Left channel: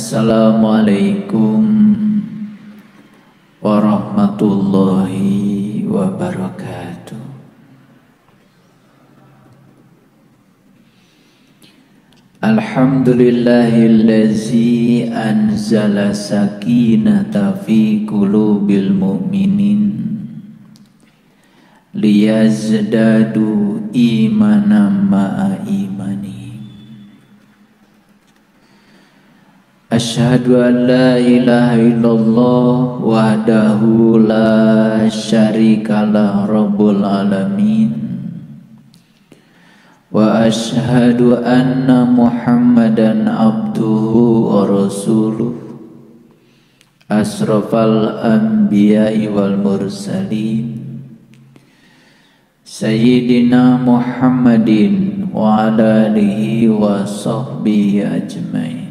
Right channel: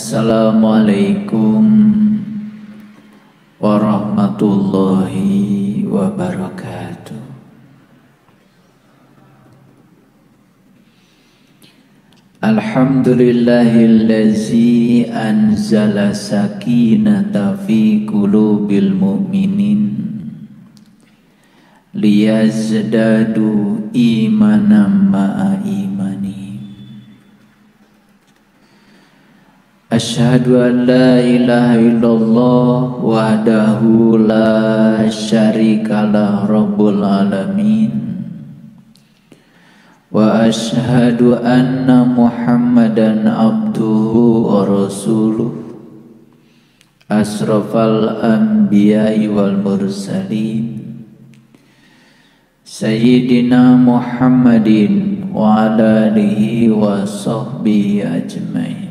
Assalamualaikum warahmatullahi wabarakatuh. Alhamdulillahillazi anzala sakinata fi qulubil mu'minin liyazdadu imanan ma'a imani. Asyhadu an la ilaha illallah wahdahu la syarikalah rabbul alamin wa asyhadu anna muhammadan abduhu wa rasuluh asrafal anbiya'i wal mursalin sayyidina muhammadin wa ala alihi wa sahbihi ajmain.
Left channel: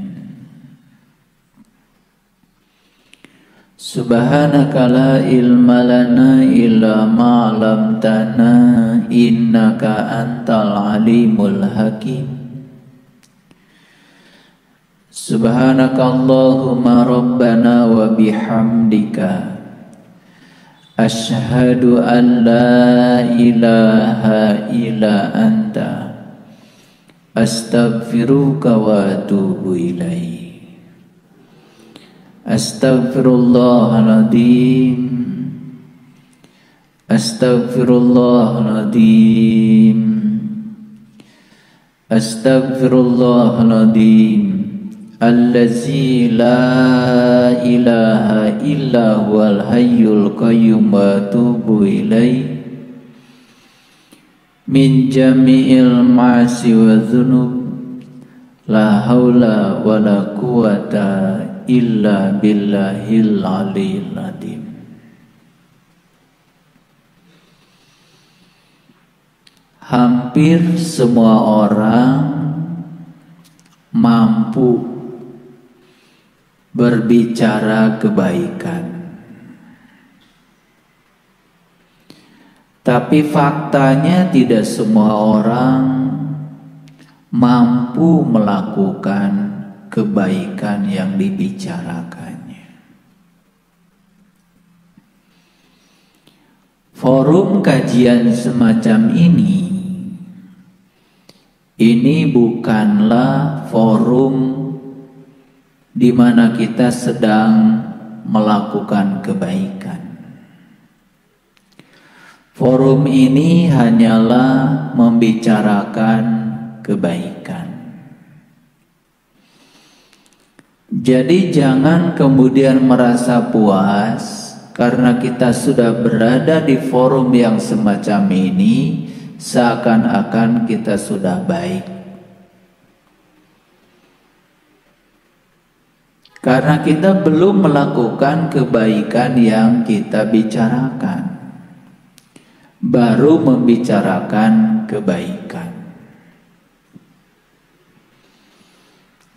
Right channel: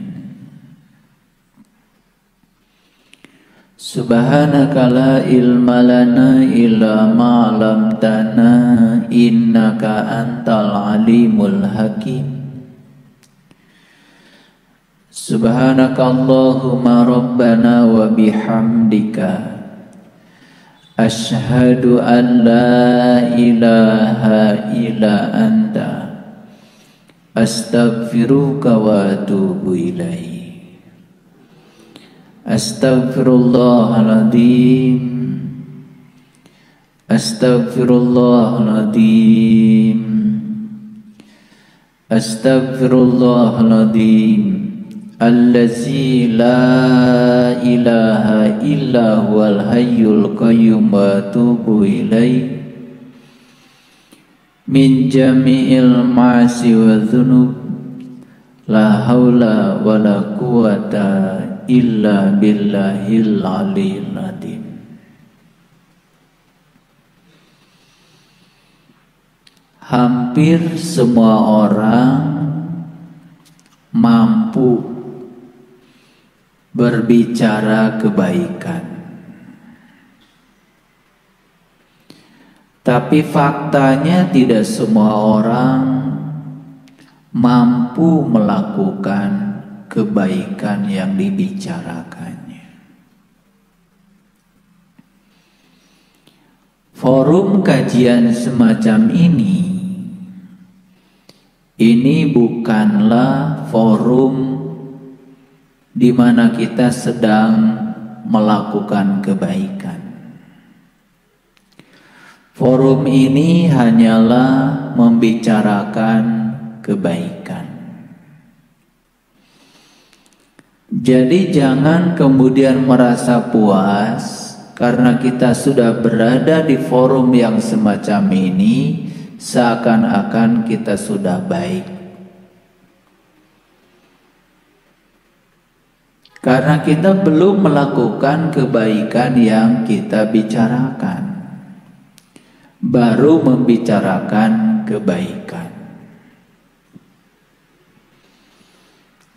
Subhanaka la ilma lana illa ma 'allamtana innaka antal alimul hakim. Subhanaka Allahumma rabbana wa bihamdika asyhadu an la ilaha illa anta astaghfiruka wa atubu ilaik. Astaghfirullahaladzim, astaghfirullahaladzim, astaghfirullahaladzim, allazi la ilaha illa huwal hayyul qayyum wa atubu ilaih min jami'il ma'asi wa dhunub la haula wa la quwata illa billahil aliyil azim. Hampir semua orang mampu berbicara kebaikan, tapi faktanya tidak semua orang mampu melakukan kebaikan yang dibicarakannya. Forum kajian semacam ini bukanlah forum di mana kita sedang melakukan kebaikan. Forum ini hanyalah membicarakan kebaikan. Jadi jangan kemudian merasa puas karena kita sudah berada di forum yang semacam ini, seakan-akan kita sudah baik. Karena kita belum melakukan kebaikan yang kita bicarakan, baru membicarakan kebaikan.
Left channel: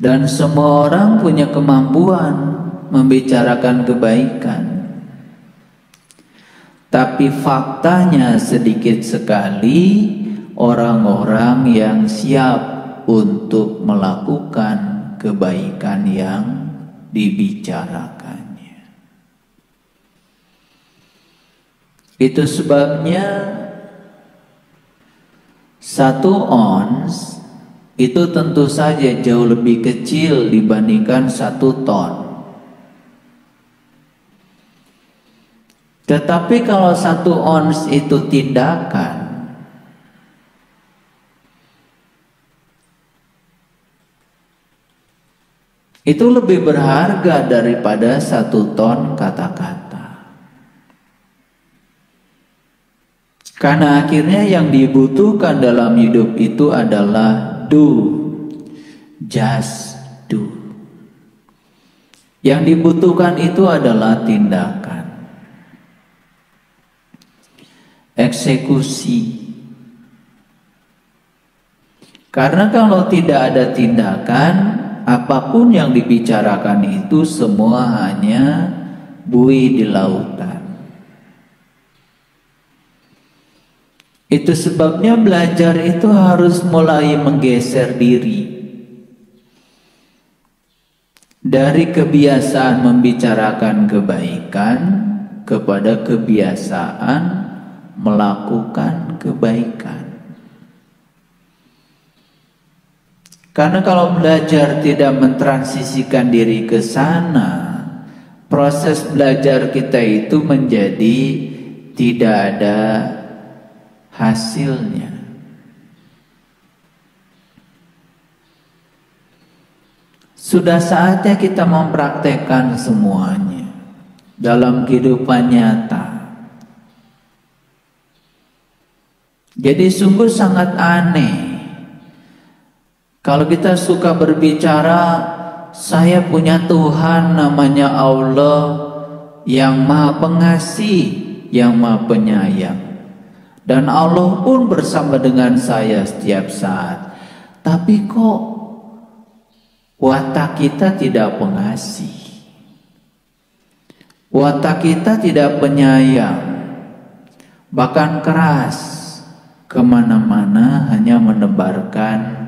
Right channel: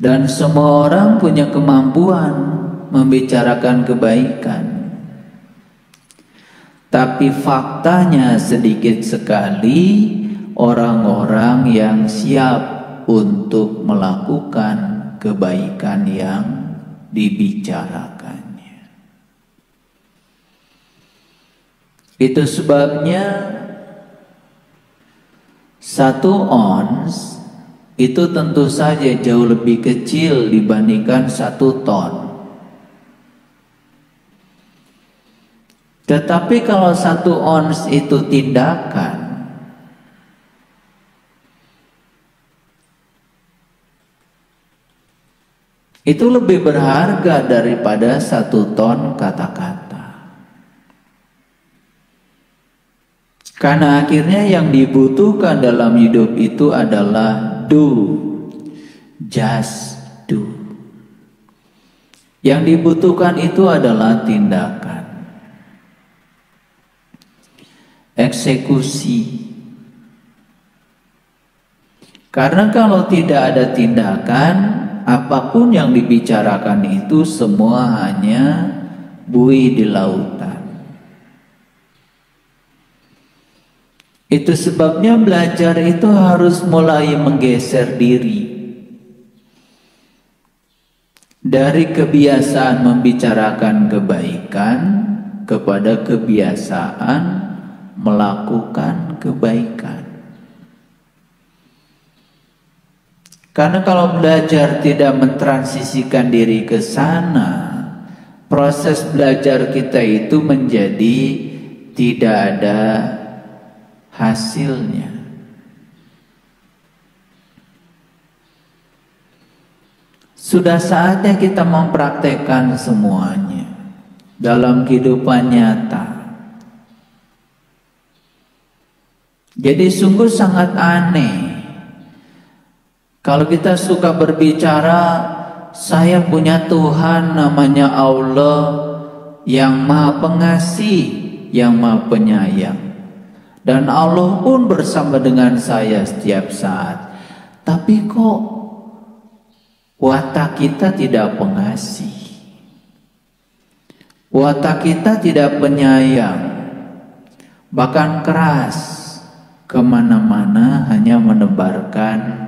Dan semua orang punya kemampuan membicarakan kebaikan. Tapi faktanya sedikit sekali orang-orang yang siap untuk melakukan kebaikan yang dibicarakannya. Itu sebabnya 1 ons itu tentu saja jauh lebih kecil dibandingkan 1 ton. Tetapi kalau 1 ons itu tindakan, itu lebih berharga daripada 1 ton kata-kata. Karena akhirnya yang dibutuhkan dalam hidup itu adalah do, just do. Yang dibutuhkan itu adalah tindakan, eksekusi. Karena kalau tidak ada tindakan, apapun yang dibicarakan itu semua hanya buih di lautan. Itu sebabnya belajar itu harus mulai menggeser diri. dari kebiasaan membicarakan kebaikan kepada kebiasaan melakukan kebaikan. Karena kalau belajar tidak mentransisikan diri ke sana, proses belajar kita itu menjadi tidak ada hasilnya. Sudah saatnya kita mempraktekkan semuanya dalam kehidupan nyata. Jadi sungguh sangat aneh kalau kita suka berbicara, saya punya Tuhan namanya Allah yang Maha Pengasih, yang Maha Penyayang. Dan Allah pun bersama dengan saya setiap saat. Tapi kok watak kita tidak pengasih, watak kita tidak penyayang, bahkan keras, kemana-mana hanya menebarkan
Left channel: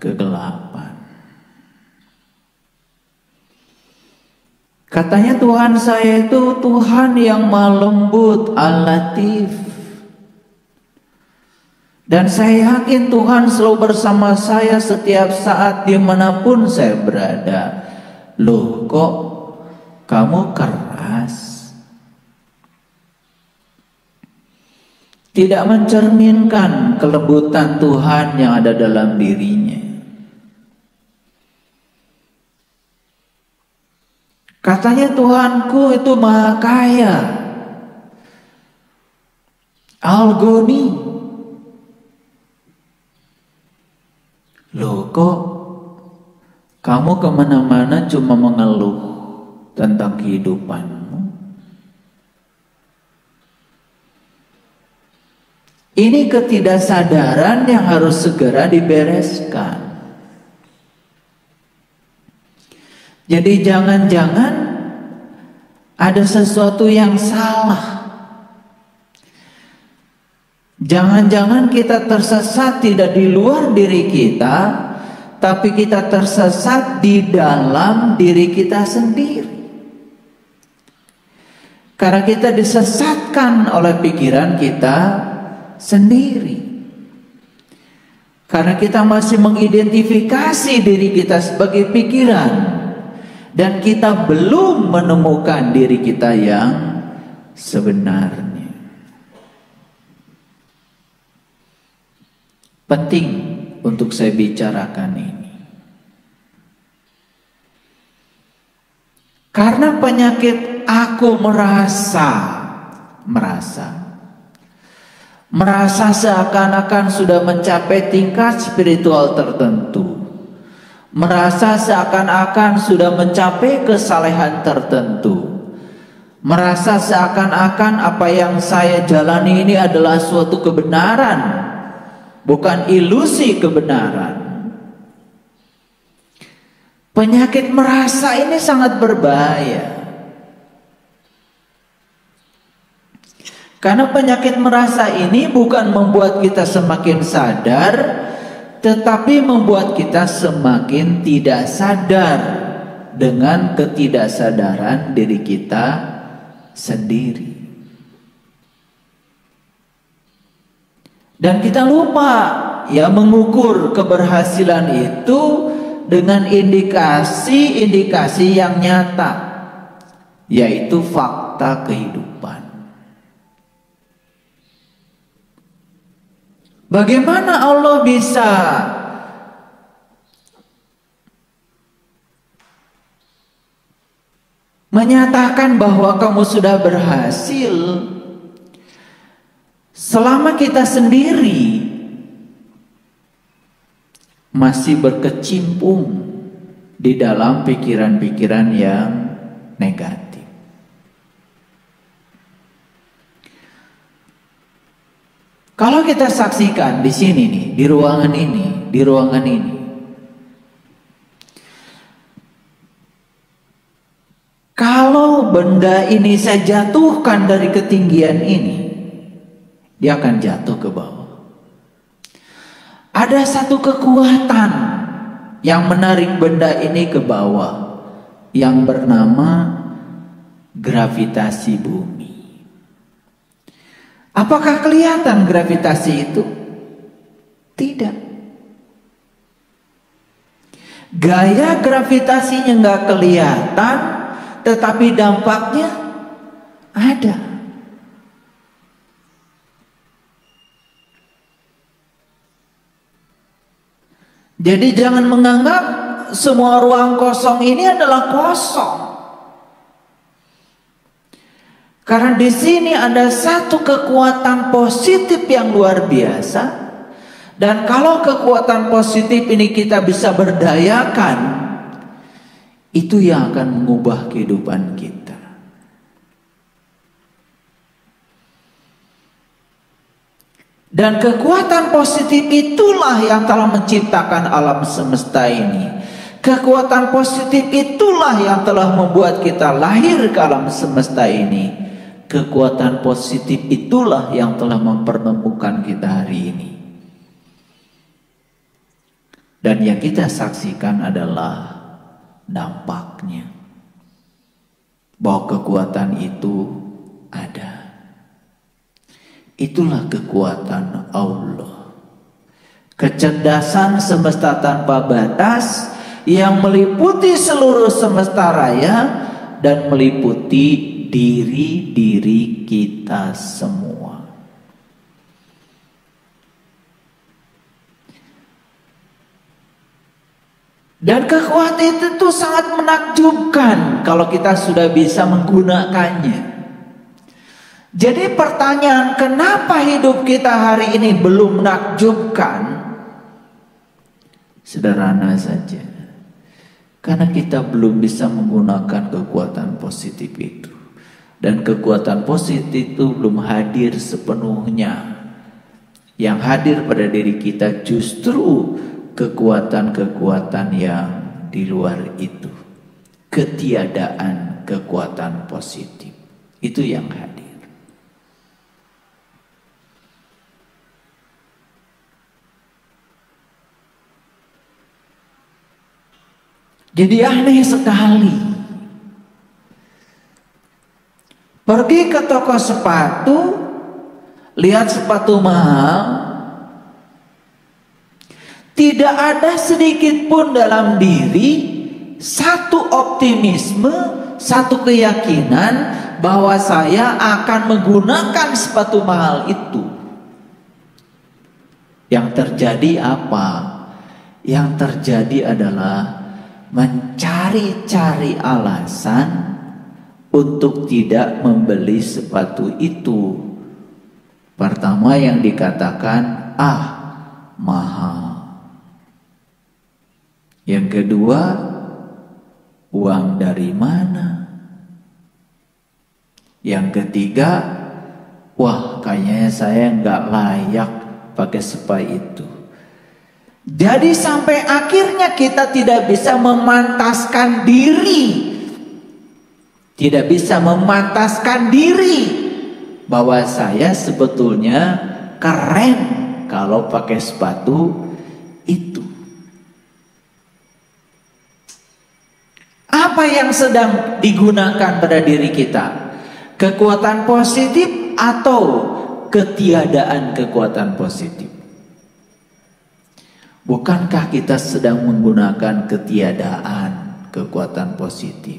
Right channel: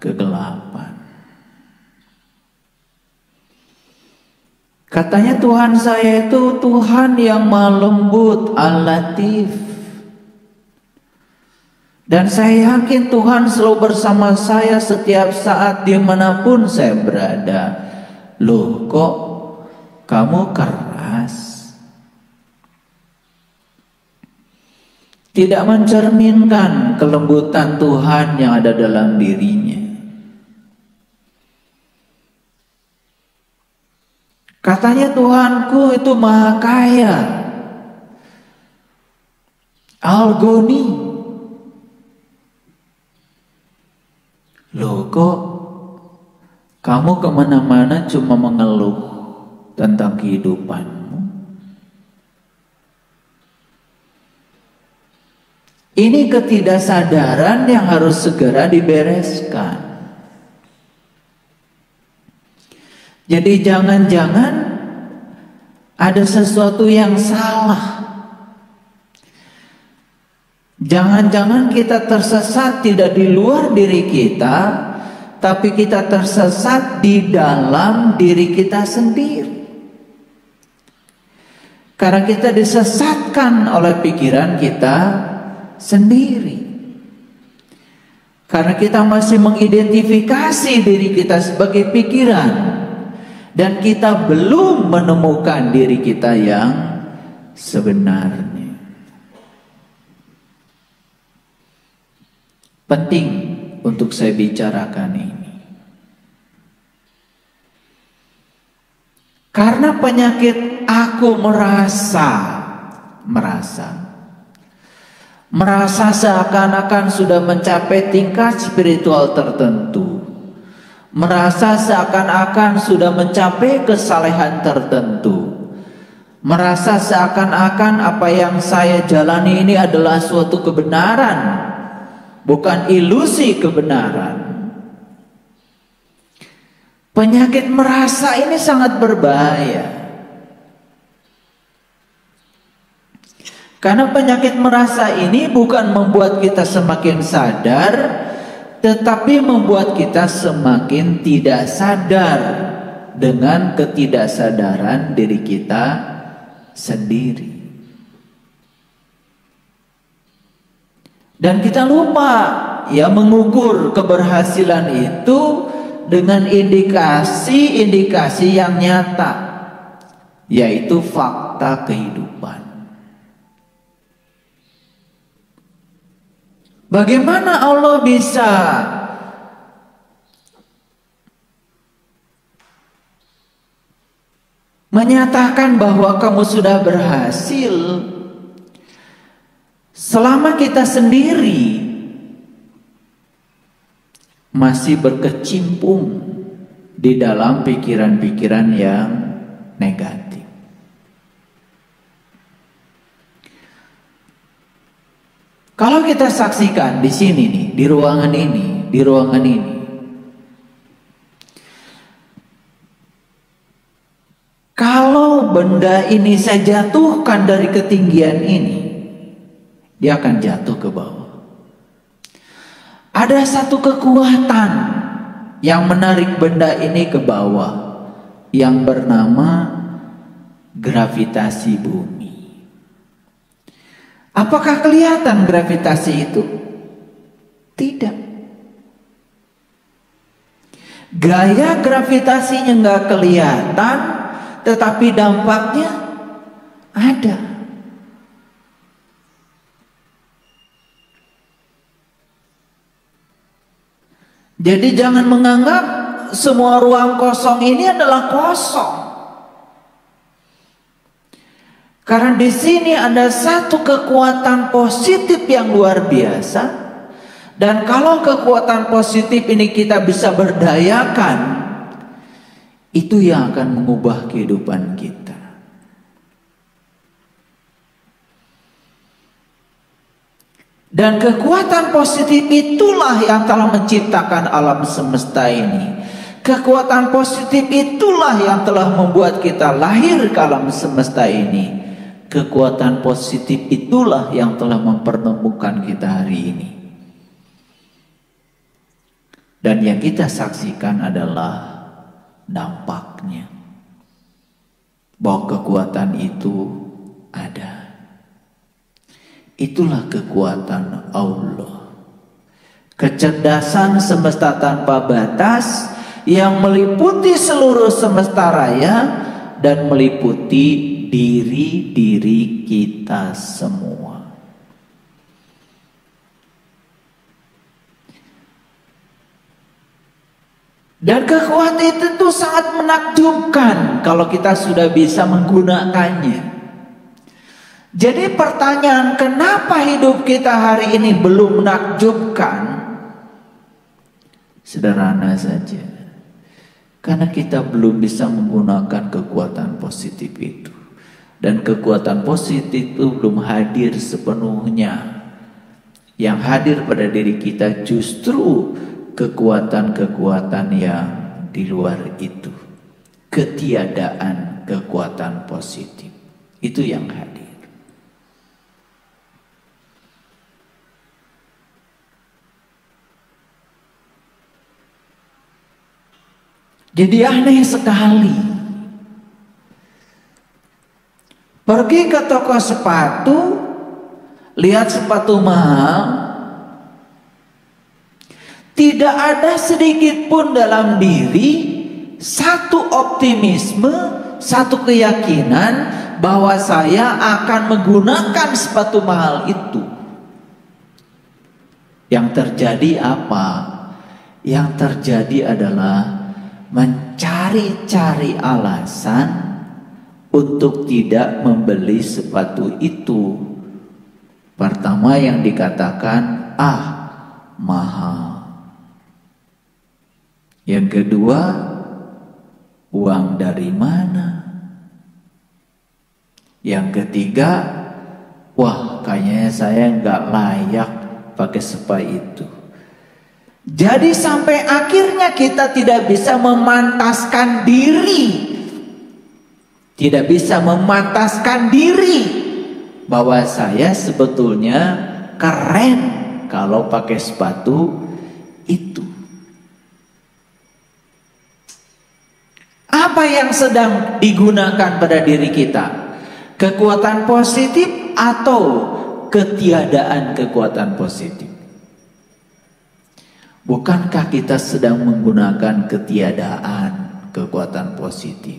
kegelapan. Katanya Tuhan saya itu Tuhan yang Maha Lembut, Al-Latif. Dan saya yakin Tuhan selalu bersama saya setiap saat dimanapun saya berada. Loh, kok kamu keras? Tidak mencerminkan kelembutan Tuhan yang ada dalam dirinya. Katanya Tuhanku itu Maha Kaya, Al-Ghani. Loh, kok kamu kemana-mana cuma mengeluh tentang kehidupanmu? Ini ketidaksadaran yang harus segera dibereskan. Jadi jangan-jangan ada sesuatu yang salah. Jangan-jangan kita tersesat tidak di luar diri kita, tapi kita tersesat di dalam diri kita sendiri. Karena kita disesatkan oleh pikiran kita sendiri. Karena kita masih mengidentifikasi diri kita sebagai pikiran. Dan kita belum menemukan diri kita yang sebenarnya. Penting untuk saya bicarakan ini. Karena penyakit aku merasa seakan-akan sudah mencapai tingkat spiritual tertentu. Merasa seakan-akan sudah mencapai kesalehan tertentu. Merasa seakan-akan apa yang saya jalani ini adalah suatu kebenaran, bukan ilusi kebenaran. Penyakit merasa ini sangat berbahaya. Karena penyakit merasa ini bukan membuat kita semakin sadar, tetapi membuat kita semakin tidak sadar dengan ketidaksadaran diri kita sendiri. Dan kita lupa ya mengukur keberhasilan itu dengan indikasi-indikasi yang nyata, yaitu fakta kehidupan. Bagaimana Allah bisa menyatakan bahwa kamu sudah berhasil selama kita sendiri masih berkecimpung di dalam pikiran-pikiran yang negatif? Kalau kita saksikan di sini nih, di ruangan ini, kalau benda ini saya jatuhkan dari ketinggian ini, dia akan jatuh ke bawah. Ada satu kekuatan yang menarik benda ini ke bawah. yang bernama gravitasi bumi. Apakah kelihatan gravitasi itu? Tidak. Gaya gravitasinya nggak kelihatan, tetapi dampaknya ada. Jadi jangan menganggap semua ruang kosong ini adalah kosong. Karena di sini ada satu kekuatan positif yang luar biasa. Dan kalau kekuatan positif ini kita bisa berdayakan, itu yang akan mengubah kehidupan kita. Dan kekuatan positif itulah yang telah menciptakan alam semesta ini. Kekuatan positif itulah yang telah membuat kita lahir ke alam semesta ini. Kekuatan positif itulah yang telah mempertemukan kita hari ini. Dan yang kita saksikan adalah dampaknya. Bahwa kekuatan itu ada. Itulah kekuatan Allah. Kecerdasan semesta tanpa batas yang meliputi seluruh semesta raya dan meliputi diri-diri kita semua. Dan kekuatan itu sangat menakjubkan kalau kita sudah bisa menggunakannya. Jadi pertanyaan, kenapa hidup kita hari ini belum menakjubkan? Sederhana saja. Karena kita belum bisa menggunakan kekuatan positif itu. Dan kekuatan positif itu belum hadir sepenuhnya. Yang hadir pada diri kita justru kekuatan-kekuatan yang di luar itu. Ketiadaan kekuatan positif. Itu yang hadir. Jadi aneh sekali. Pergi ke toko sepatu, lihat sepatu mahal. Tidak ada sedikit pun dalam diri satu optimisme, satu keyakinan bahwa saya akan menggunakan sepatu mahal itu. Yang terjadi apa? Yang terjadi adalah mencari-cari alasan untuk tidak membeli sepatu itu. Pertama yang dikatakan, mahal. Yang kedua, uang dari mana? Yang ketiga, kayaknya saya nggak layak pakai sepatu itu. Jadi sampai akhirnya kita tidak bisa memantaskan diri. Tidak bisa memantaskan diri bahwa saya sebetulnya keren kalau pakai sepatu itu. Apa yang sedang digunakan pada diri kita? Kekuatan positif atau ketiadaan kekuatan positif? Bukankah kita sedang menggunakan ketiadaan kekuatan positif?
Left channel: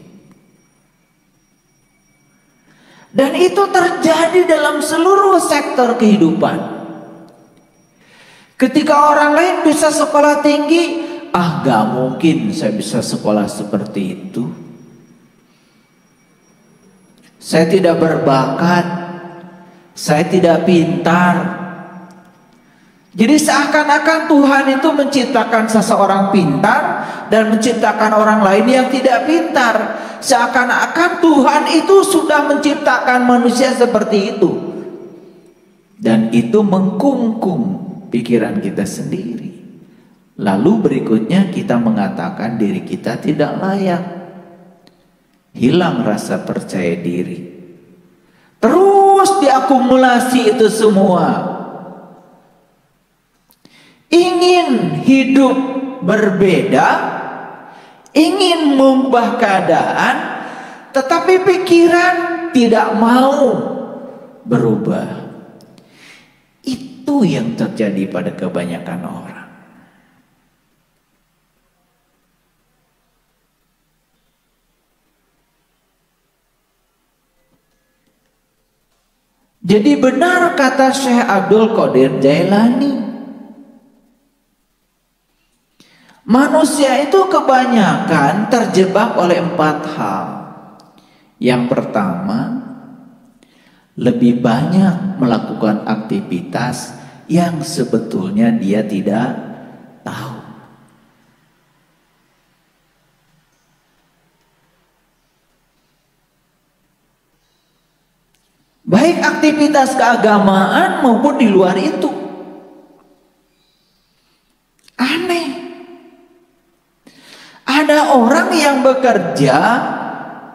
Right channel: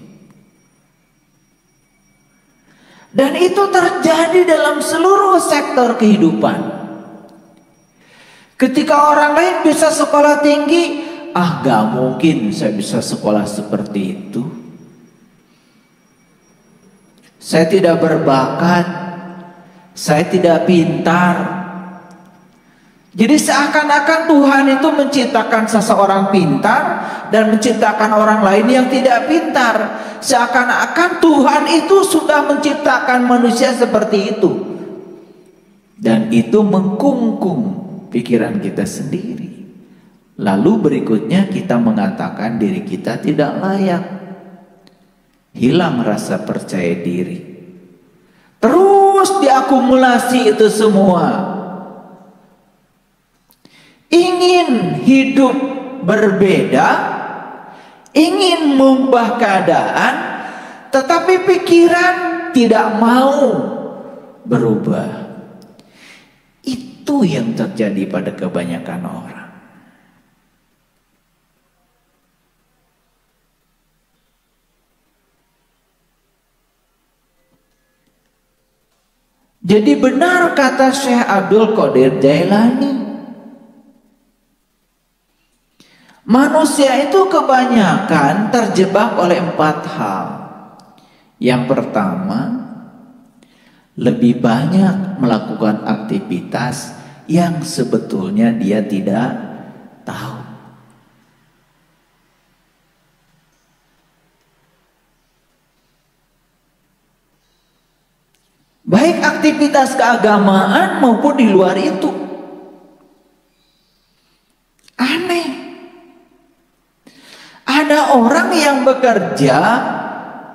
Dan itu terjadi dalam seluruh sektor kehidupan. Ketika orang lain bisa sekolah tinggi, gak mungkin saya bisa sekolah seperti itu. Saya tidak berbakat, saya tidak pintar. Jadi seakan-akan Tuhan itu menciptakan seseorang pintar dan menciptakan orang lain yang tidak pintar. Seakan-akan Tuhan itu sudah menciptakan manusia seperti itu. Dan itu mengkungkung pikiran kita sendiri. Lalu berikutnya kita mengatakan diri kita tidak layak. Hilang rasa percaya diri. Terus diakumulasi itu semua. Ingin hidup berbeda, ingin mengubah keadaan, tetapi pikiran tidak mau berubah. Itu yang terjadi pada kebanyakan orang. Jadi benar kata Syekh Abdul Qadir Jailani, manusia itu kebanyakan terjebak oleh 4 hal. Yang pertama, lebih banyak melakukan aktivitas yang sebetulnya dia tidak tahu. Baik aktivitas keagamaan maupun di luar itu. Aneh. Ada orang yang bekerja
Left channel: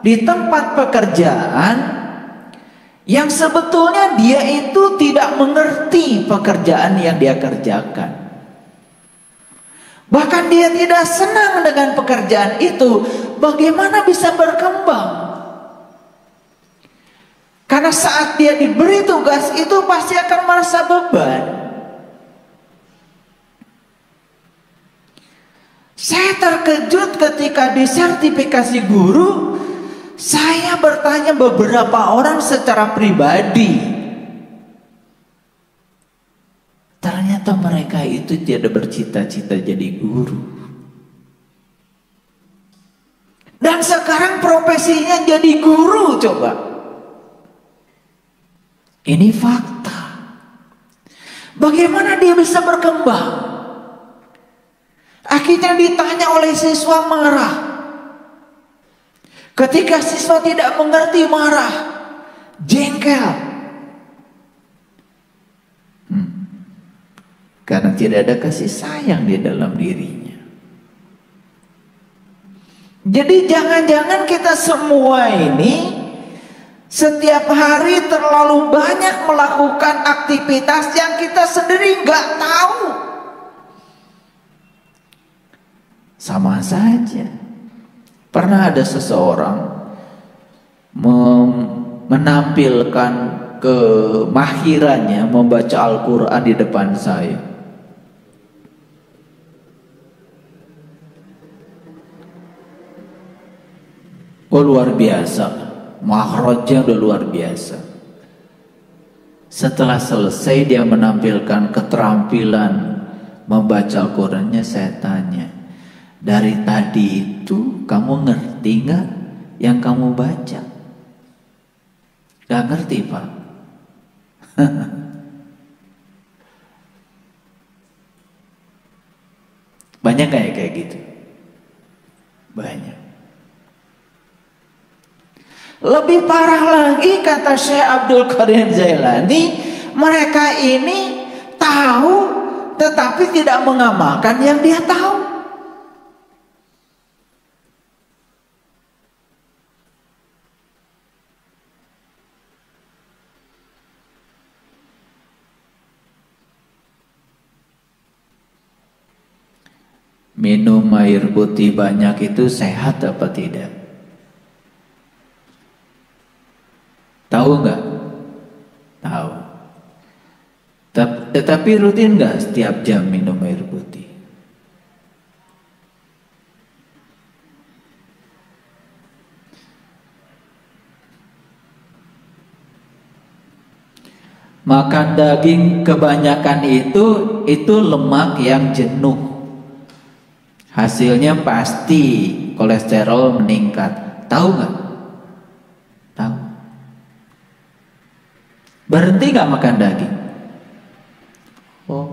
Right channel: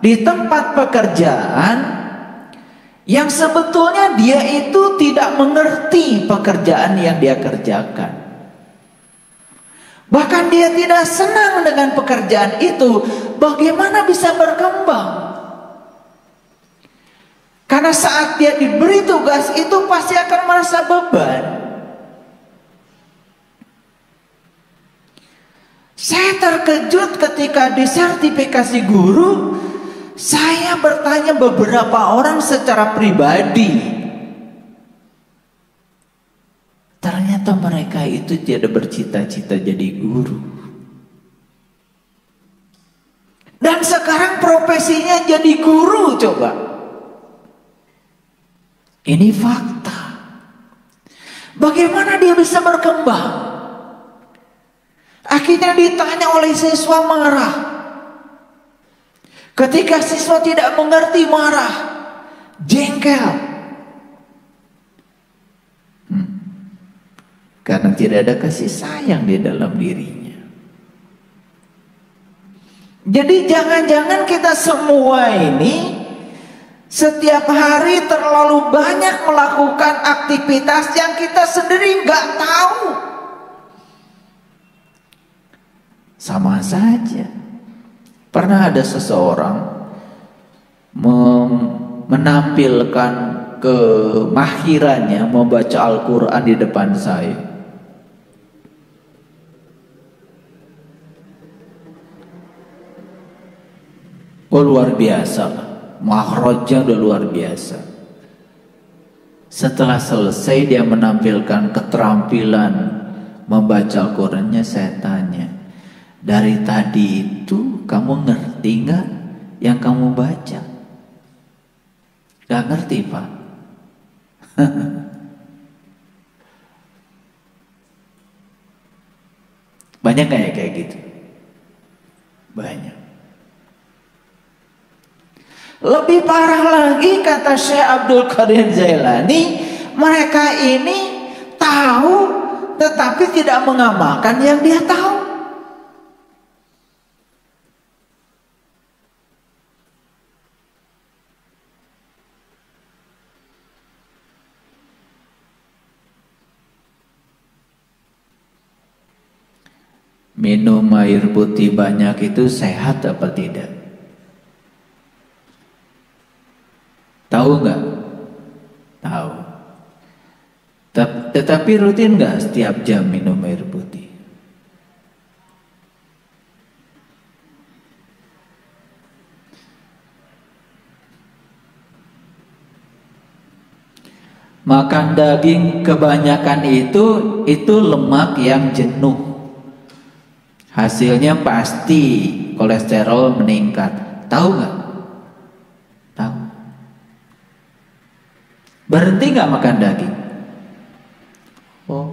di tempat pekerjaan yang sebetulnya dia itu tidak mengerti pekerjaan yang dia kerjakan. Bahkan dia tidak senang dengan pekerjaan itu. Bagaimana bisa berkembang? Karena saat dia diberi tugas itu pasti akan merasa beban. Saya terkejut ketika di sertifikasi guru, saya bertanya beberapa orang secara pribadi. Ternyata mereka itu tidak bercita-cita jadi guru. Dan sekarang profesinya jadi guru, coba. Ini fakta. Bagaimana dia bisa berkembang? Akhirnya ditanya oleh siswa, marah. Ketika siswa tidak mengerti, marah, jengkel. Karena tidak ada kasih sayang di dalam dirinya. Jadi jangan-jangan kita semua ini setiap hari terlalu banyak melakukan aktivitas yang kita sendiri nggak tahu. Sama saja. Pernah ada seseorang menampilkan kemahirannya membaca Al-Quran di depan saya. Oh, luar biasa. Makhrajnya luar biasa. Setelah selesai dia menampilkan keterampilan membaca Al-Qurannya, saya tanya, dari tadi itu kamu ngerti gak yang kamu baca? Gak ngerti, Pak. Banyak kayak gitu. Banyak. Lebih parah lagi kata Syekh Abdul Qadir Jailani, mereka ini tahu tetapi tidak mengamalkan yang dia tahu. Minum air putih banyak itu sehat apa tidak? Tahu nggak? Tahu. Tetapi rutin nggak setiap jam minum air putih? Makan daging kebanyakan itu lemak yang jenuh. Hasilnya pasti kolesterol meningkat. Tahu nggak? Tahu. Berhenti nggak makan daging? Oh.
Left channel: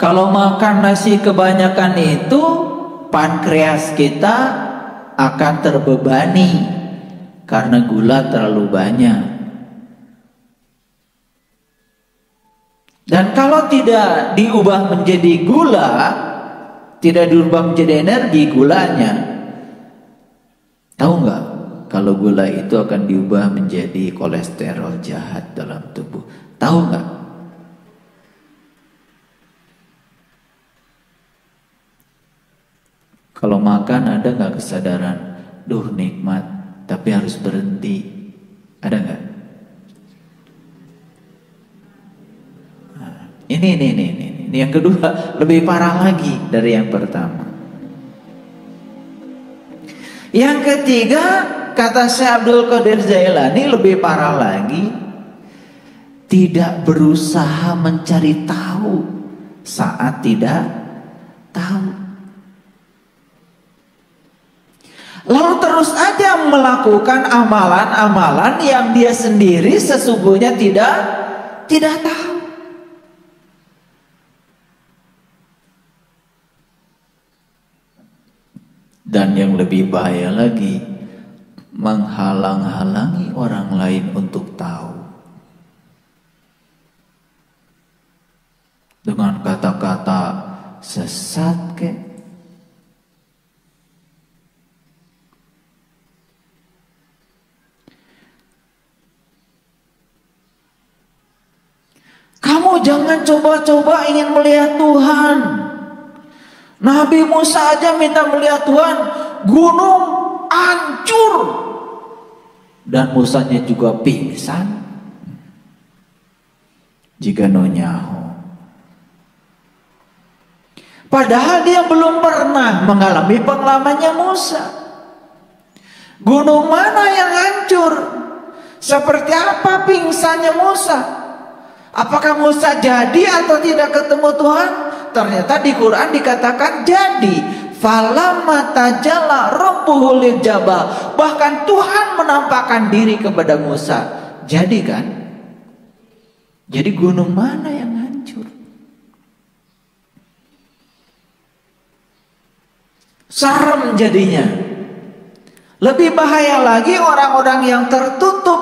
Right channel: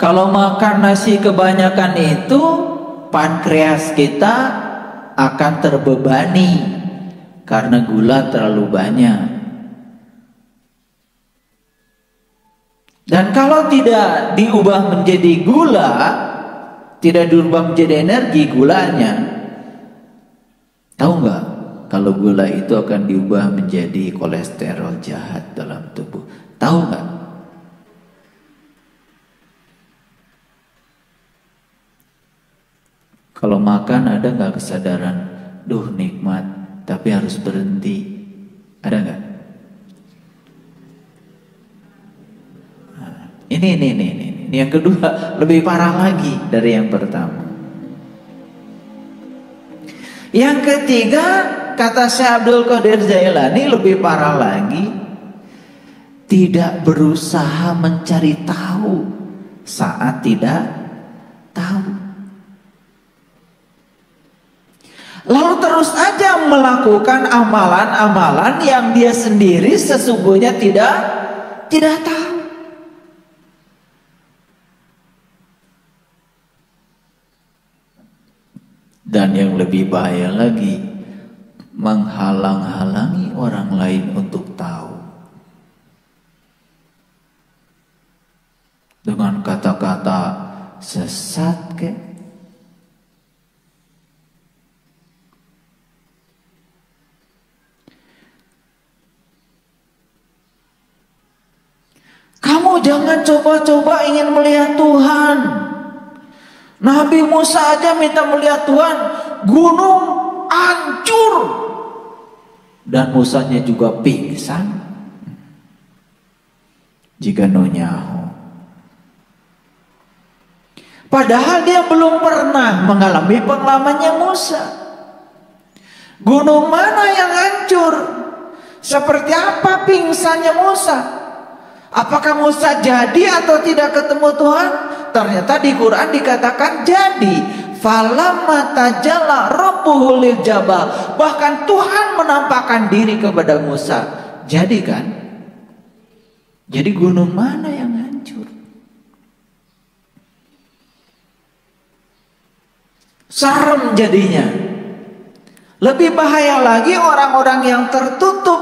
Kalau makan nasi kebanyakan itu, pankreas kita akan terbebani karena gula terlalu banyak. Dan kalau tidak diubah menjadi gula, tidak diubah menjadi energi gulanya, tahu nggak? Kalau gula itu akan diubah menjadi kolesterol jahat dalam tubuh. Tahu nggak? Kalau makan ada nggak kesadaran, duh nikmat, tapi harus berhenti? Ada nggak? Nah, ini yang kedua lebih parah lagi dari yang pertama. Yang ketiga, kata Syekh Abdul Qadir Jailani, lebih parah lagi, tidak berusaha mencari tahu saat tidak tahu. Lalu terus aja melakukan amalan-amalan yang dia sendiri sesungguhnya tidak tahu. Dan yang lebih bahaya lagi, menghalang-halangi orang lain untuk tahu. Dengan kata-kata sesat kek, kamu jangan coba-coba ingin melihat Tuhan. Nabi Musa aja minta melihat Tuhan, gunung hancur dan Musanya juga pingsan. Jika nonyaho. Padahal dia belum pernah mengalami pengalamannya Musa. Gunung mana yang hancur? Seperti apa pingsannya Musa? Apakah Musa jadi atau tidak ketemu Tuhan? Ternyata di Quran dikatakan jadi. Falamma tajalla rabbuhu lil jabal. Bahkan Tuhan menampakkan diri kepada Musa. Jadi kan? Jadi gunung mana yang hancur? Serem jadinya. Lebih bahaya lagi orang-orang yang tertutup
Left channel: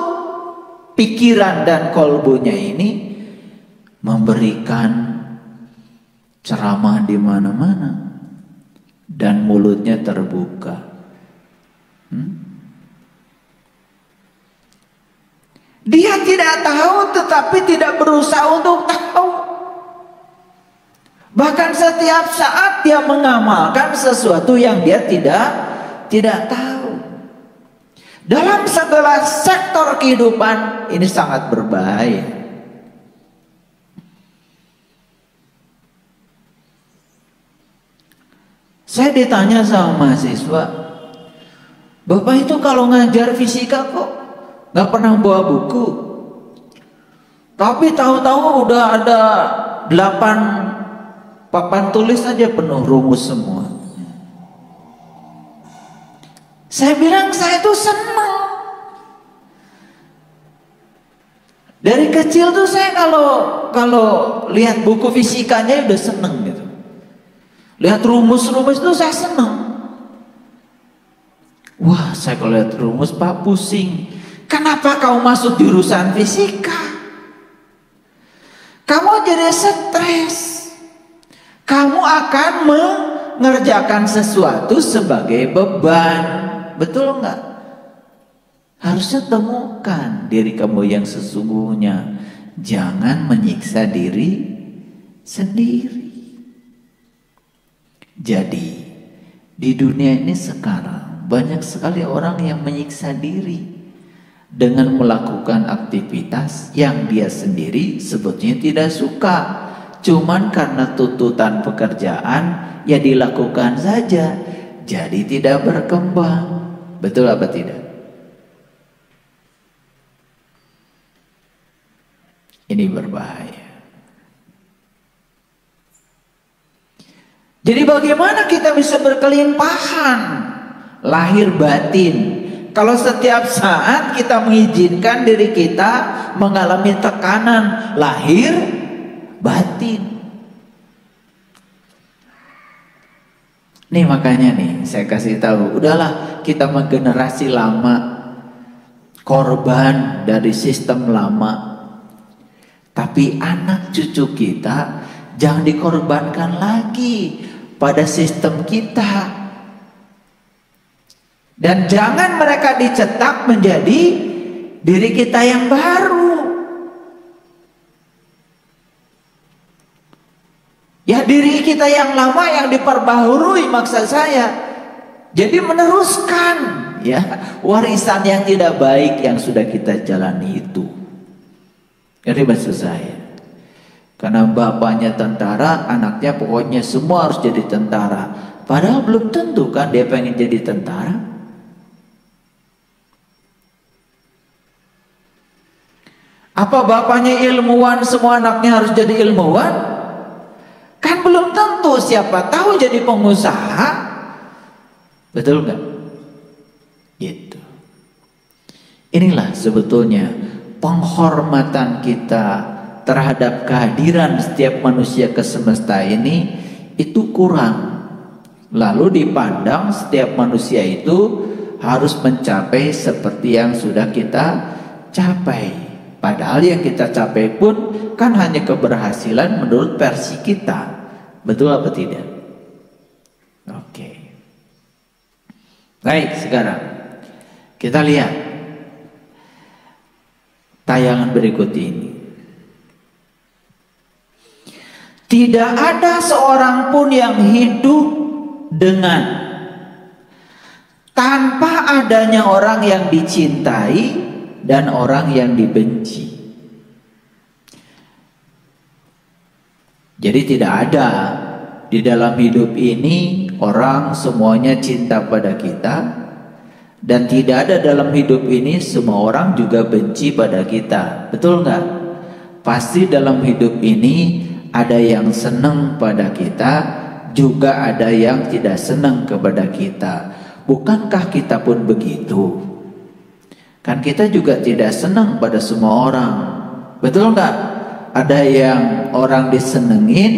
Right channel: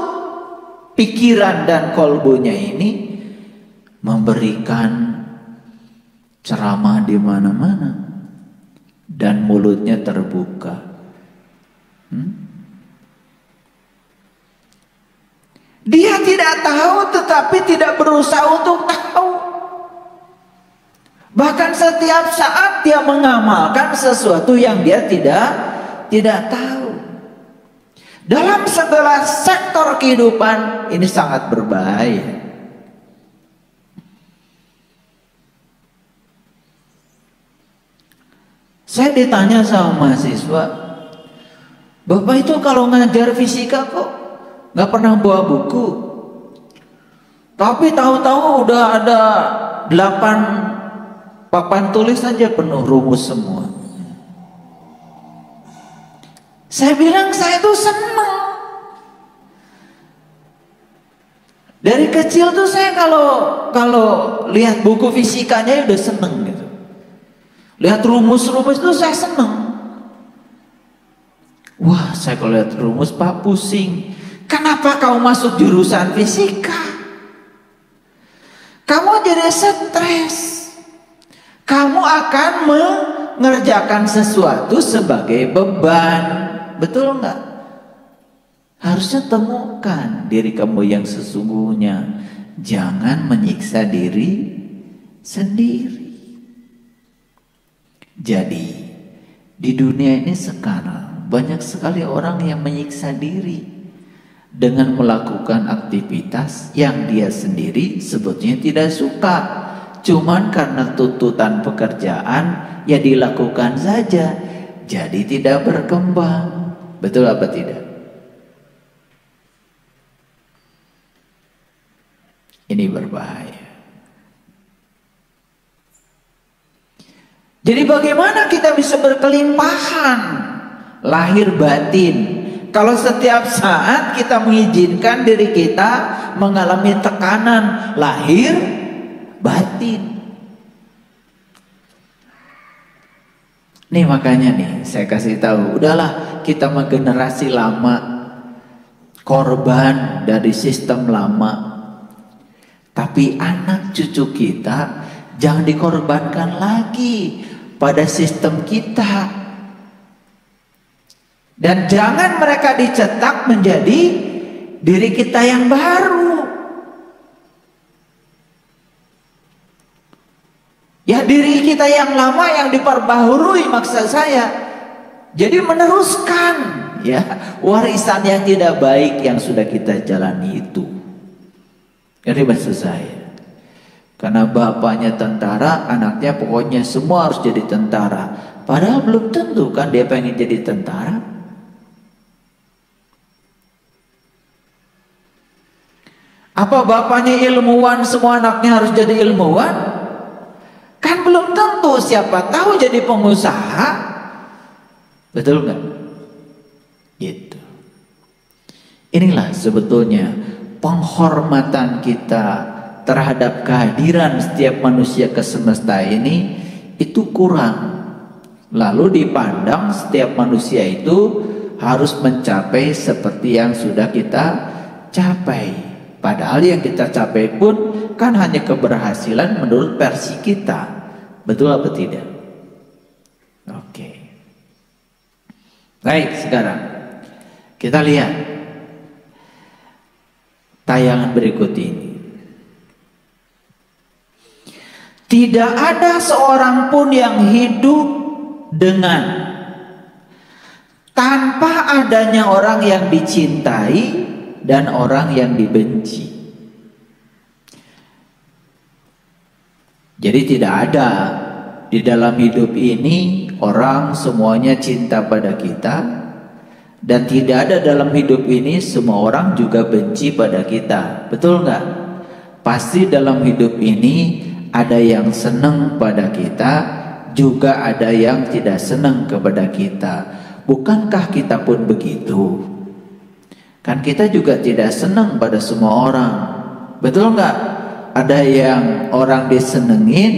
pikiran dan kolbunya ini memberikan ceramah di mana-mana dan mulutnya terbuka. Dia tidak tahu tetapi tidak berusaha untuk tahu. Bahkan setiap saat dia mengamalkan sesuatu yang dia tidak tahu. Dalam segala sektor kehidupan ini sangat berbahaya. Saya ditanya sama mahasiswa, Bapak itu kalau ngajar fisika kok nggak pernah bawa buku, tapi tahu-tahu udah ada 8 papan tulis saja penuh rumus semua. Saya bilang saya itu senang. Dari kecil tuh saya kalau lihat buku fisikanya udah seneng gitu. Lihat rumus-rumus itu saya senang. Wah, saya kalau lihat rumus Pak pusing. Kenapa kau masuk jurusan fisika? Kamu jadi stres. Kamu akan mengerjakan sesuatu sebagai beban. Betul enggak? Harusnya temukan diri kamu yang sesungguhnya. Jangan menyiksa diri sendiri. Jadi di dunia ini sekarang banyak sekali orang yang menyiksa diri dengan melakukan aktivitas yang dia sendiri sebetulnya tidak suka. Cuman karena tuntutan pekerjaan ya dilakukan saja. Jadi tidak berkembang. Betul apa tidak? Ini berbahaya. Jadi bagaimana kita bisa berkelimpahan lahir batin kalau setiap saat kita mengizinkan diri kita mengalami tekanan lahir batin. Nih makanya nih saya kasih tahu, udahlah kita mah generasi lama, korban dari sistem lama. Tapi anak cucu kita jangan dikorbankan lagi pada sistem kita. Dan jangan mereka dicetak menjadi diri kita yang baru. Ya diri kita yang lama yang diperbaharui maksud saya. Jadi meneruskan ya warisan yang tidak baik yang sudah kita jalani itu. Jadi maksud saya, karena bapaknya tentara, anaknya pokoknya semua harus jadi tentara. Padahal belum tentu kan dia pengen jadi tentara. Apa bapaknya ilmuwan, semua anaknya harus jadi ilmuwan? Kan belum tentu, siapa tahu jadi pengusaha. Betul nggak? Gitu. Inilah sebetulnya penghormatan kita terhadap kehadiran setiap manusia ke semesta ini itu kurang. Lalu dipandang setiap manusia itu harus mencapai seperti yang sudah kita capai. Padahal yang kita capai pun kan hanya keberhasilan menurut versi kita. Betul apa tidak? Oke. Baik, sekarang kita lihat tayangan berikut ini. Tidak ada seorang pun yang hidup dengan tanpa adanya orang yang dicintai dan orang yang dibenci. Jadi tidak ada di dalam hidup ini orang semuanya cinta pada kita, dan tidak ada dalam hidup ini semua orang juga benci pada kita. Betul nggak? Pasti dalam hidup ini ada yang senang pada kita, juga ada yang tidak senang kepada kita. Bukankah kita pun begitu? Kan kita juga tidak senang pada semua orang. Betul nggak? Ada yang orang disenengin,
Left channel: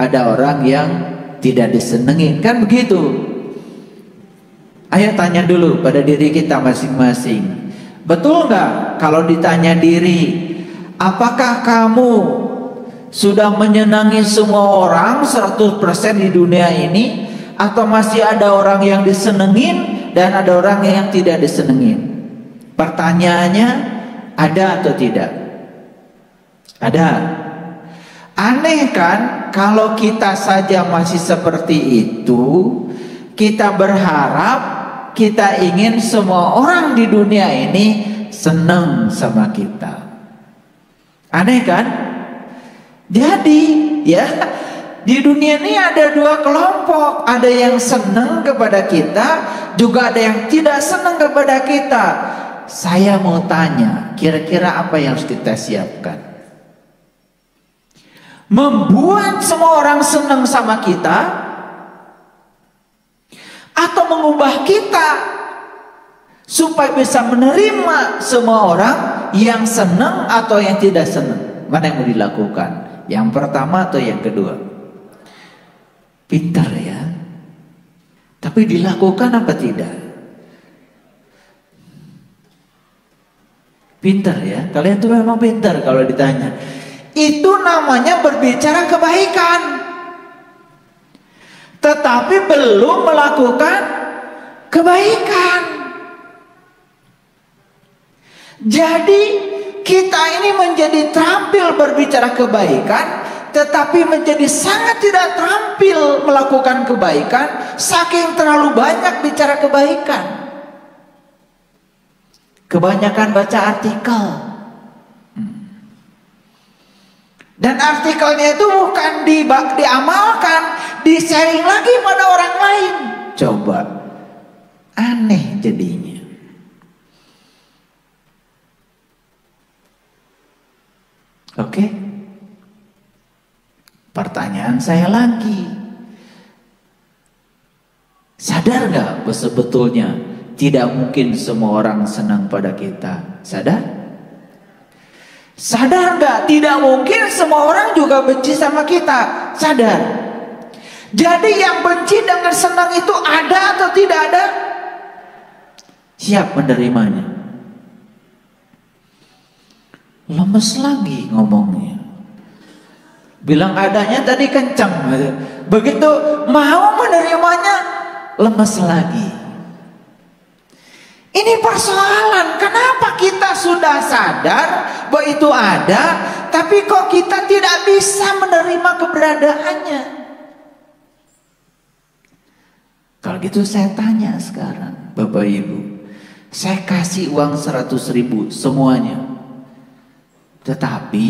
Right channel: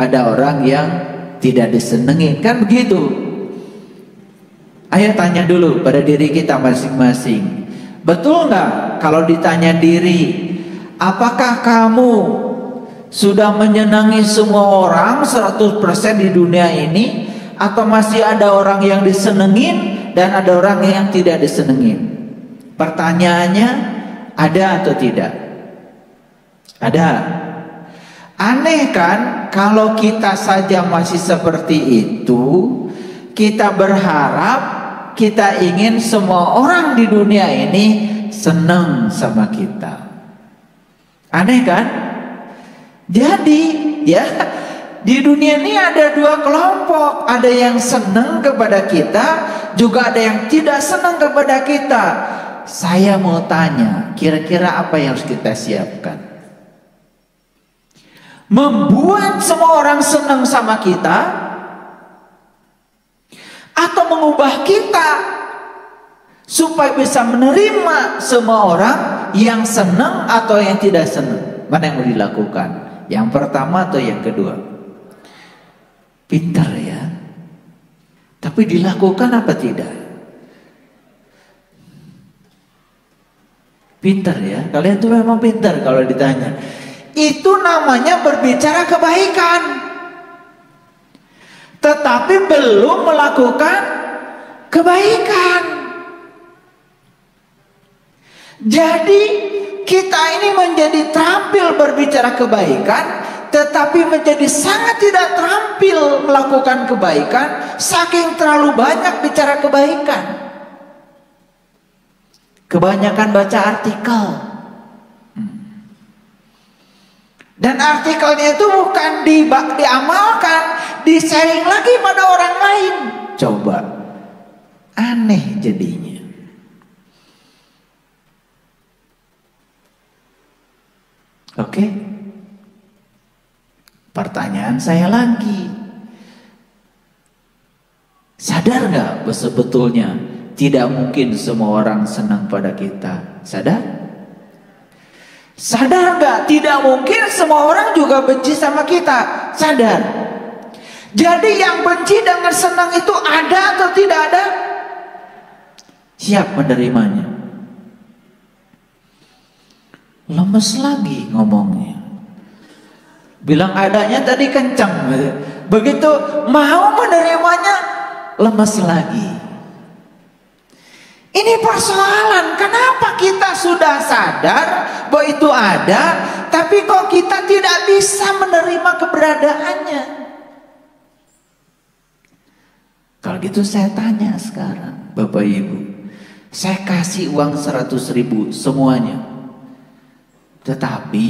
ada orang yang tidak disenengin. Kan begitu? Ayo tanya dulu pada diri kita masing-masing. Betul nggak kalau ditanya diri, apakah kamu sudah menyenangi semua orang 100% di dunia ini, atau masih ada orang yang disenengin dan ada orang yang tidak disenengin? Pertanyaannya, ada atau tidak? Ada. Aneh kan kalau kita saja masih seperti itu, kita berharap, kita ingin semua orang di dunia ini senang sama kita. Aneh kan? Jadi ya, di dunia ini ada dua kelompok. Ada yang senang kepada kita, juga ada yang tidak senang kepada kita. Saya mau tanya, kira-kira apa yang harus kita siapkan? Membuat semua orang senang sama kita, atau mengubah kita supaya bisa menerima semua orang yang senang atau yang tidak senang? Mana yang mau dilakukan? Yang pertama atau yang kedua? Pintar ya. Tapi dilakukan apa tidak? Pintar ya. Kalian tuh memang pintar kalau ditanya. Itu namanya berbicara kebaikan, tetapi belum melakukan kebaikan. Jadi kita ini menjadi terampil berbicara kebaikan, tetapi menjadi sangat tidak terampil melakukan kebaikan, saking terlalu banyak bicara kebaikan. Kebanyakan baca artikel, dan artikelnya itu bukan diamalkan, di-sharing lagi pada orang lain. Coba, aneh jadinya. Oke? Pertanyaan saya lagi, sadar gak sebetulnya tidak mungkin semua orang senang pada kita? Sadar? Sadar gak tidak mungkin semua orang juga benci sama kita? Sadar? Jadi yang benci dengan senang itu ada atau tidak ada? Siap menerimanya? Lemes lagi ngomongnya. Bilang adanya tadi kencang, begitu mau menerimanya lemes lagi. Ini persoalan. Kenapa kita sudah sadar bahwa itu ada, tapi kok kita tidak bisa menerima keberadaannya? Kalau Kalau gitu saya tanya sekarang, Bapak Ibu, saya kasih uang 100.000 semuanya. Tetapi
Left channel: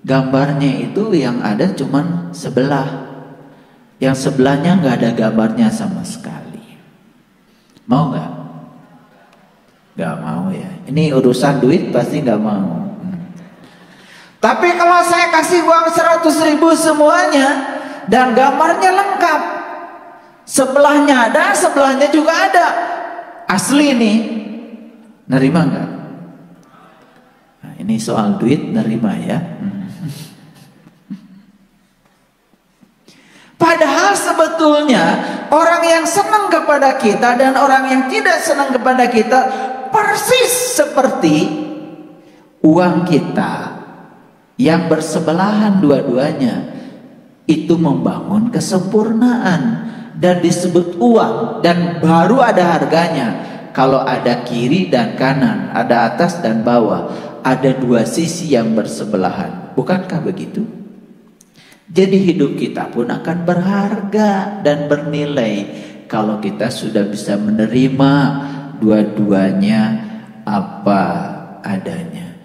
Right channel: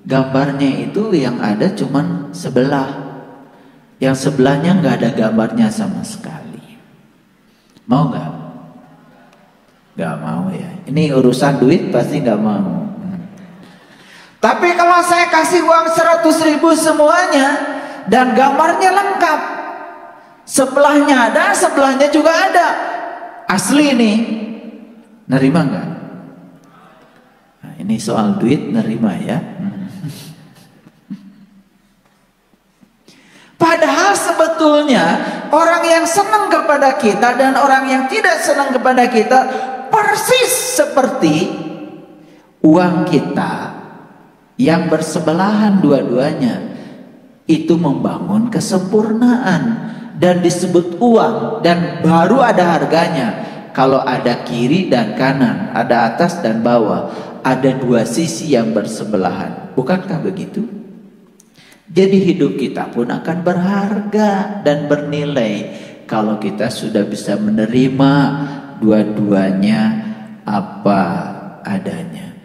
gambarnya itu yang ada cuman sebelah. Yang sebelahnya nggak ada gambarnya sama sekali. Mau nggak? Nggak mau ya. Ini urusan duit pasti nggak mau. Tapi kalau saya kasih uang 100.000 semuanya dan gambarnya lengkap, sebelahnya ada, sebelahnya juga ada, asli nih, nerima nggak? Nah, ini soal duit, nerima ya. Padahal sebetulnya orang yang senang kepada kita dan orang yang tidak senang kepada kita persis seperti uang kita yang bersebelahan dua-duanya, itu membangun kesempurnaan dan disebut uang, dan baru ada harganya kalau ada kiri dan kanan, ada atas dan bawah, ada dua sisi yang bersebelahan. Bukankah begitu? Jadi hidup kita pun akan berharga dan bernilai kalau kita sudah bisa menerima dua-duanya apa adanya.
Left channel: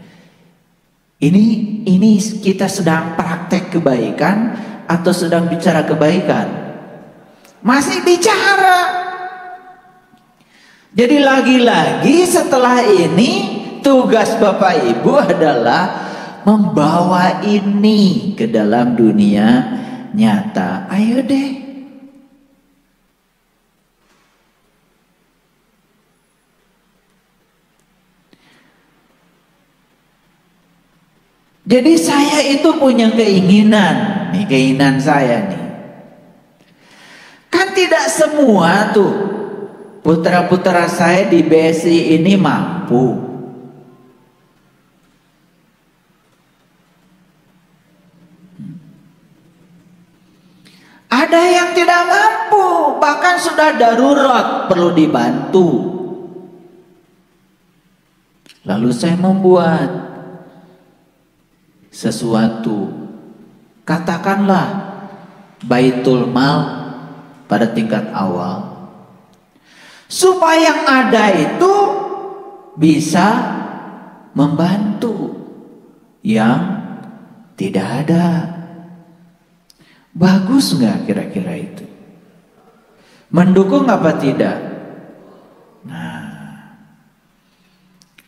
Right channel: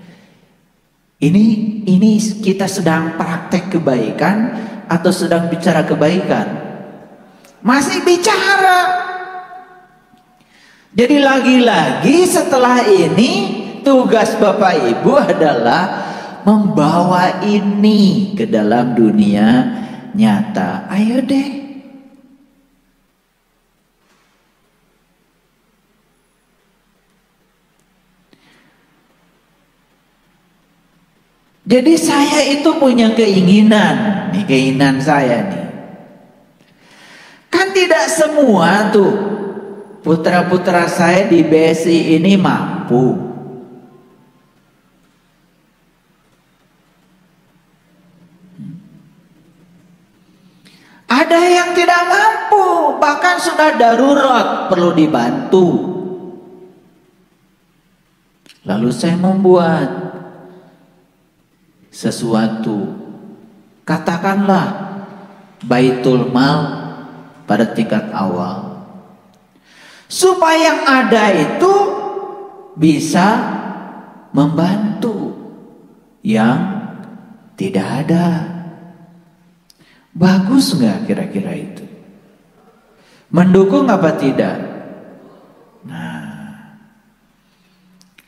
Ini kita sedang praktek kebaikan atau sedang bicara kebaikan? Masih bicara. Jadi lagi-lagi setelah ini tugas Bapak Ibu adalah membawa ini ke dalam dunia nyata. Ayo deh. Jadi saya itu punya keinginan, nih keinginan saya nih. Kan tidak semua tuh putra-putra saya di BSI ini mampu. Ada yang tidak mampu, bahkan sudah darurat, perlu dibantu. Lalu saya membuat sesuatu, katakanlah baitul mal pada tingkat awal, supaya yang ada itu bisa membantu yang tidak ada. Bagus nggak kira-kira itu? Mendukung apa tidak? Nah,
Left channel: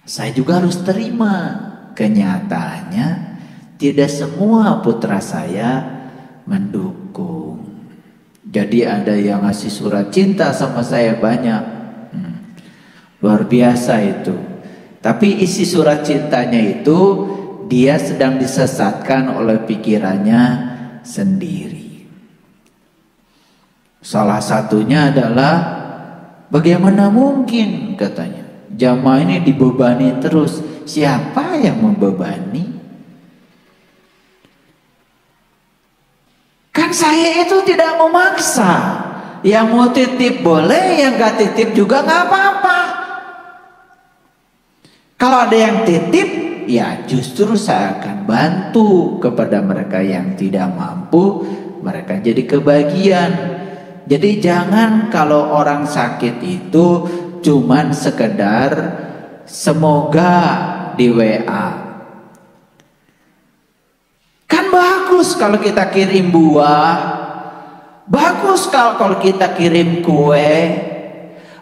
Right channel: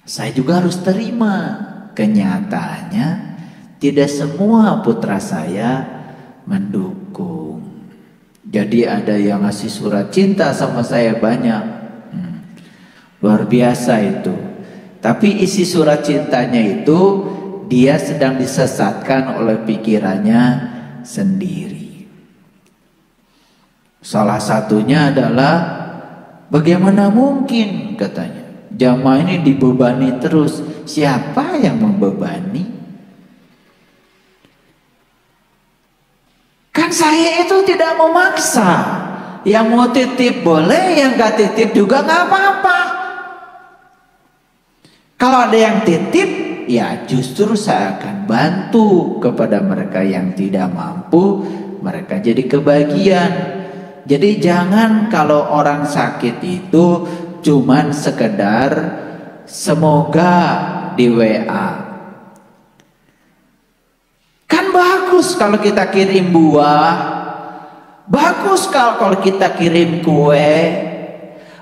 saya juga harus terima kenyataannya tidak semua putra saya mendukung. Jadi ada yang ngasih surat cinta sama saya banyak, luar biasa itu. Tapi isi surat cintanya itu dia sedang disesatkan oleh pikirannya sendiri. Salah satunya adalah bagaimana mungkin, katanya, jamaah ini dibebani terus. Siapa yang membebani? Kan saya itu tidak memaksa. Yang mau titip boleh, yang gak titip juga gak apa-apa. Kalau ada yang titip, ya justru saya akan bantu kepada mereka yang tidak mampu, mereka jadi kebagian. Jadi jangan kalau orang sakit itu cuman sekedar semoga di WA. Kan bagus kalau kita kirim buah, bagus kalau kita kirim kue,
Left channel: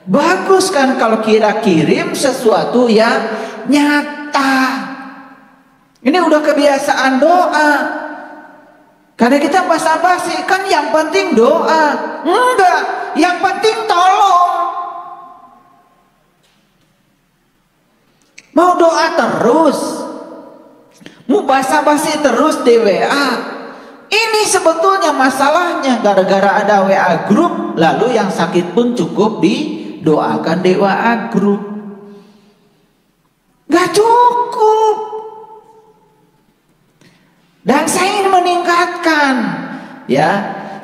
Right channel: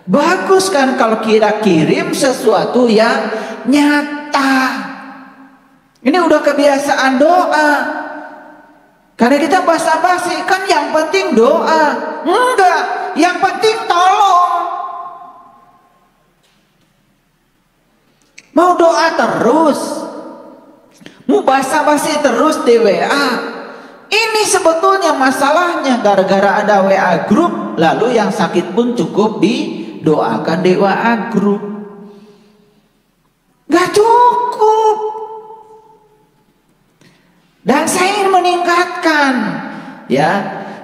bagus kan kalau kita kirim sesuatu yang nyata. Ini udah kebiasaan doa. Karena kita basa-basi, kan yang penting doa. Enggak, yang penting tolong. Mau doa terus, mau basa-basi terus di WA. Ini sebetulnya masalahnya gara-gara ada WA group, lalu yang sakit pun cukup didoakan di WA group. Gak cukup. Dan saya ingin meningkatkan, ya,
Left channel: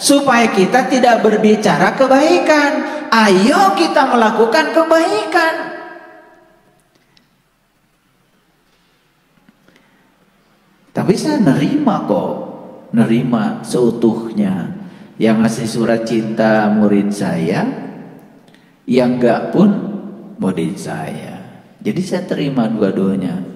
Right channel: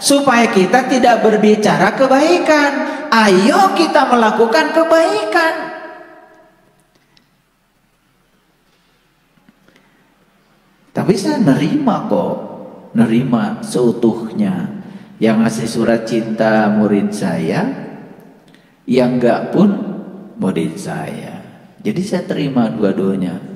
supaya kita tidak berbicara kebaikan. Ayo kita melakukan kebaikan. Tapi saya nerima kok, nerima seutuhnya. Yang ngasih surat cinta murid saya, yang enggak pun murid saya. Jadi saya terima dua-duanya.